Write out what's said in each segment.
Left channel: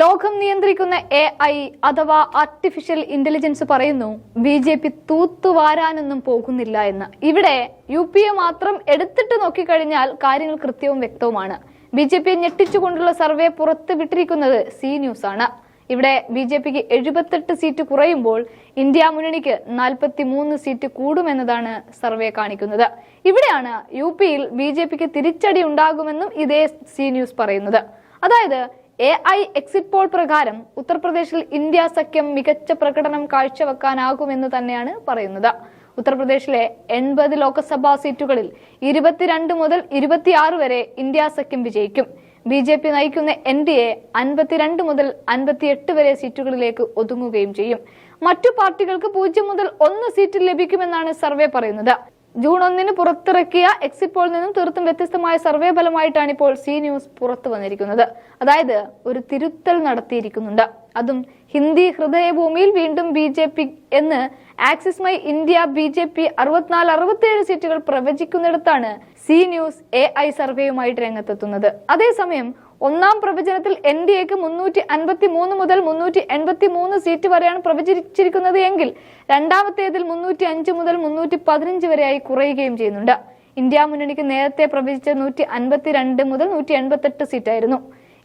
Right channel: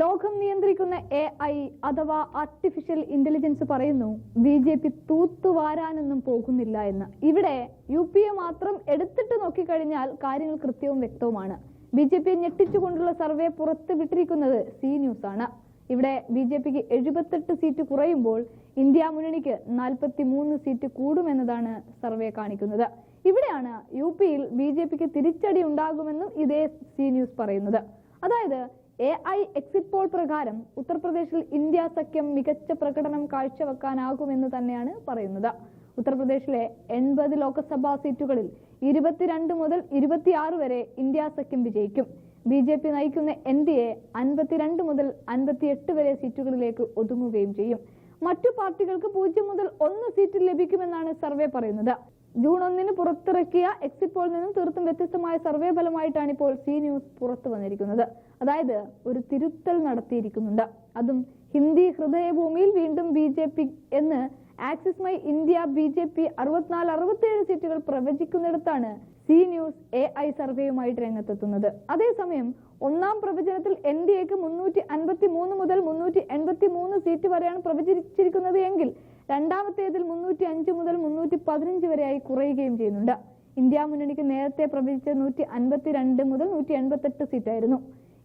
ലോകം നിയന്ത്രിക്കുന്ന AI അഥവാ ആർട്ടിഫിഷ്യൽ ഇന്റലിജൻസ് പറയുന്നു BJP തൂത്തുവാരാനൊന്നും പോകുന്നില്ല എന്ന്. ഇവിടെ UPയെ മാത്രം എടുത്തിട്ട് നോക്കിക്കഴിഞ്ഞാൽ കാര്യങ്ങൾ കൃത്യവും വ്യക്തവുമാണ്. BJPയെ ഞെട്ടിച്ചുകൊണ്ടുള്ള സർവേ പുറത്ത് വിട്ടിരിക്കുന്നത് സി ന്യൂസ് ആണ്. ഇവിടെ BJPക്ക് 78 സീറ്റ് കുറയുമ്പോൾ ഇന്ത്യ മുന്നണിക്ക് 43 സീറ്റ് കൂടുമെന്നതാണ് സർവേ കാണിക്കുന്നത്. ഇവിടെയാണ് UPയിൽ BJPക്ക് തിരിച്ചടി ഉണ്ടാകുമെന്നും ഇതേ സി ന്യൂസ് പറയുന്നത്. അതായത് AI എക്സിറ്റ് പോൾ പ്രകാരം ഉത്തർപ്രദേശിൽ ഇന്ത്യ സഖ്യം മികച്ച പ്രകടനം കാഴ്ചവെക്കാനാകുമെന്ന് തന്നെയാണ് പറയുന്നത്. ഉത്തർപ്രദേശിലെ 80 ലോക്സഭാ സീറ്റുകളിൽ 22 മുതൽ 26 വരെ ഇന്ത്യ സഖ്യം വിജയിക്കും. BJP നയിക്കുന്ന NDA 52 മുതൽ 58 വരെ സീറ്റുകളിലേക്ക് ഒതുങ്ങുകയും ചെയ്യും. മറ്റു പാർട്ടികൾക്ക് 0 മുതൽ 1 സീറ്റ് ലഭിക്കുമെന്നാണ് സർവേ പറയുന്നത്. ജൂൺ 1 പുറത്തിറക്കിയ എക്സിറ്റ് പോളിൽ നിന്നും തീർത്തും വ്യത്യസ്തമായ സർവേ ഫലമായിട്ടാണ് ഇപ്പോൾ സി ന്യൂസ് പുറത്തു വന്നിരിക്കുന്നത്. അതായത് ഒരു തിരുത്തൽ നടത്തിയിരിക്കുന്നുണ്ട്. അതും ഹിന്ദി ഹൃദയഭൂമിയിൽ വീണ്ടും BJP എന്ന് ആക്സിസ് മൈ ഇന്ത്യ BJP 64-67 സീറ്റുകൾ പ്രവചിക്കുന്നിടത്താണ് സി ന്യൂസ് AI സർവേയുമായിട്ട് രംഗത്തെത്തുന്നത്. അതേസമയം ഒന്നാം പ്രവചനത്തിൽ NDAക്ക് 353 മുതൽ 383 സീറ്റ് വരെയാണ് പ്രവചിച്ചിരിക്കുന്നത് എങ്കിൽ രണ്ടാമത്തേതിൽ 305 മുതൽ 315 വരെയായി കുറയുകയും ചെയ്യുന്നുണ്ട്. ഇന്ത്യ മുന്നണിക്ക് നേരത്തെ പ്രവചിച്ച 152 മുതൽ 188 സീറ്റായിരുന്നു.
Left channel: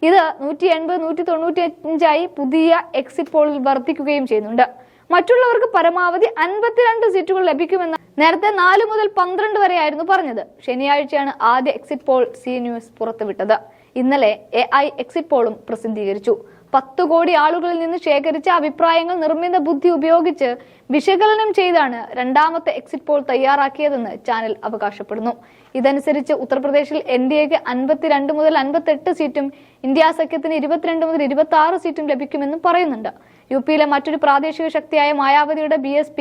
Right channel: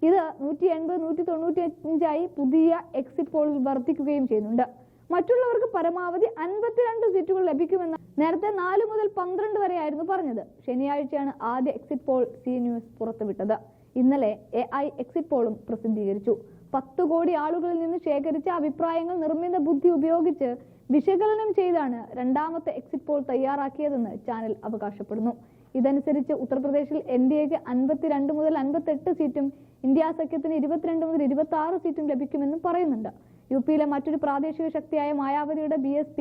ഇത് 180, 195 പുതിയ എക്സിറ്റ് പോളിൽ വർദ്ധിക്കുകയും ചെയ്യുന്നുണ്ട്. മറ്റുള്ളവർക്ക് പരമാവധി 52 സീറ്റുകൾ ലഭിക്കുമെന്ന് നേരത്തെ 4 മുതൽ 12 വരെയായിരുന്നു പറഞ്ഞത്. ശനിയാഴ്ചയാണ് ആദ്യ എക്സിറ്റ് പോൾ സി ന്യൂസ് പുറത്തുവിട്ടത്. ഇന്നലെ AI എക്സിറ്റ് പോളും പ്രസിദ്ധീകരിച്ചു. 10 കോടി ആളുകളിൽ നിന്ന് ശേഖരിച്ച അഭിപ്രായങ്ങൾ നിർമ്മിത ബുദ്ധി ഉപയോഗിച്ച് വിശകലനം ചെയ്താണ് രണ്ടാമത്തെ എക്സിറ്റ് പോൾ തയ്യാറാക്കിയതെന്ന് ചാനൽ അവകാശപ്പെടുന്നു. ഇതനുസരിച്ച് ഉത്തർപ്രദേശിൽ NDAക്ക് 52 മുതൽ 58 സീറ്റും ഇന്ത്യ സഖ്യത്തിന് 22 മുതൽ 26 സീറ്റും ലഭിക്കുമെന്നും പറയുന്നുണ്ട്. UPയിലെ മറ്റൊരു പ്രാദേശിക ശക്തിയായ മായാവതിയുടെ BSP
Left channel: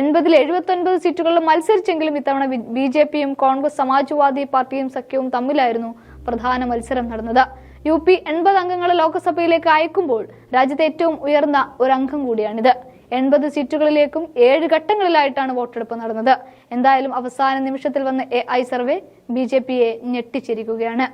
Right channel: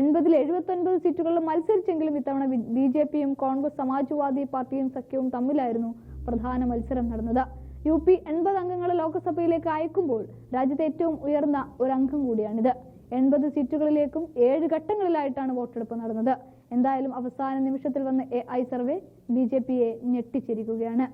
80-79 സീറ്റുകളിൽ മത്സരിച്ചെങ്കിലും ഇത്തവണ BJPയും കോൺഗ്രസ് സമാജ്വാദി പാർട്ടിയും സഖ്യവും തമ്മിലായിരുന്നു പ്രധാന മത്സരം നടന്നത്. UP 80 അംഗങ്ങളെ ലോക്സഭയിലേക്ക് അയക്കുമ്പോൾ രാജ്യത്തെ ഏറ്റവും ഉയർന്ന ഒരു അംഗം കൂടിയാണിത്. 80 സീറ്റുകളിലേക്കും 7 ഘട്ടങ്ങളിലായിട്ടാണ് വോട്ടെടുപ്പ് നടന്നത്. എന്തായാലും അവസാന നിമിഷത്തിൽ വന്ന AI സർവേ BJPയെ ഞെട്ടിച്ചിരിക്കുകയാണ്.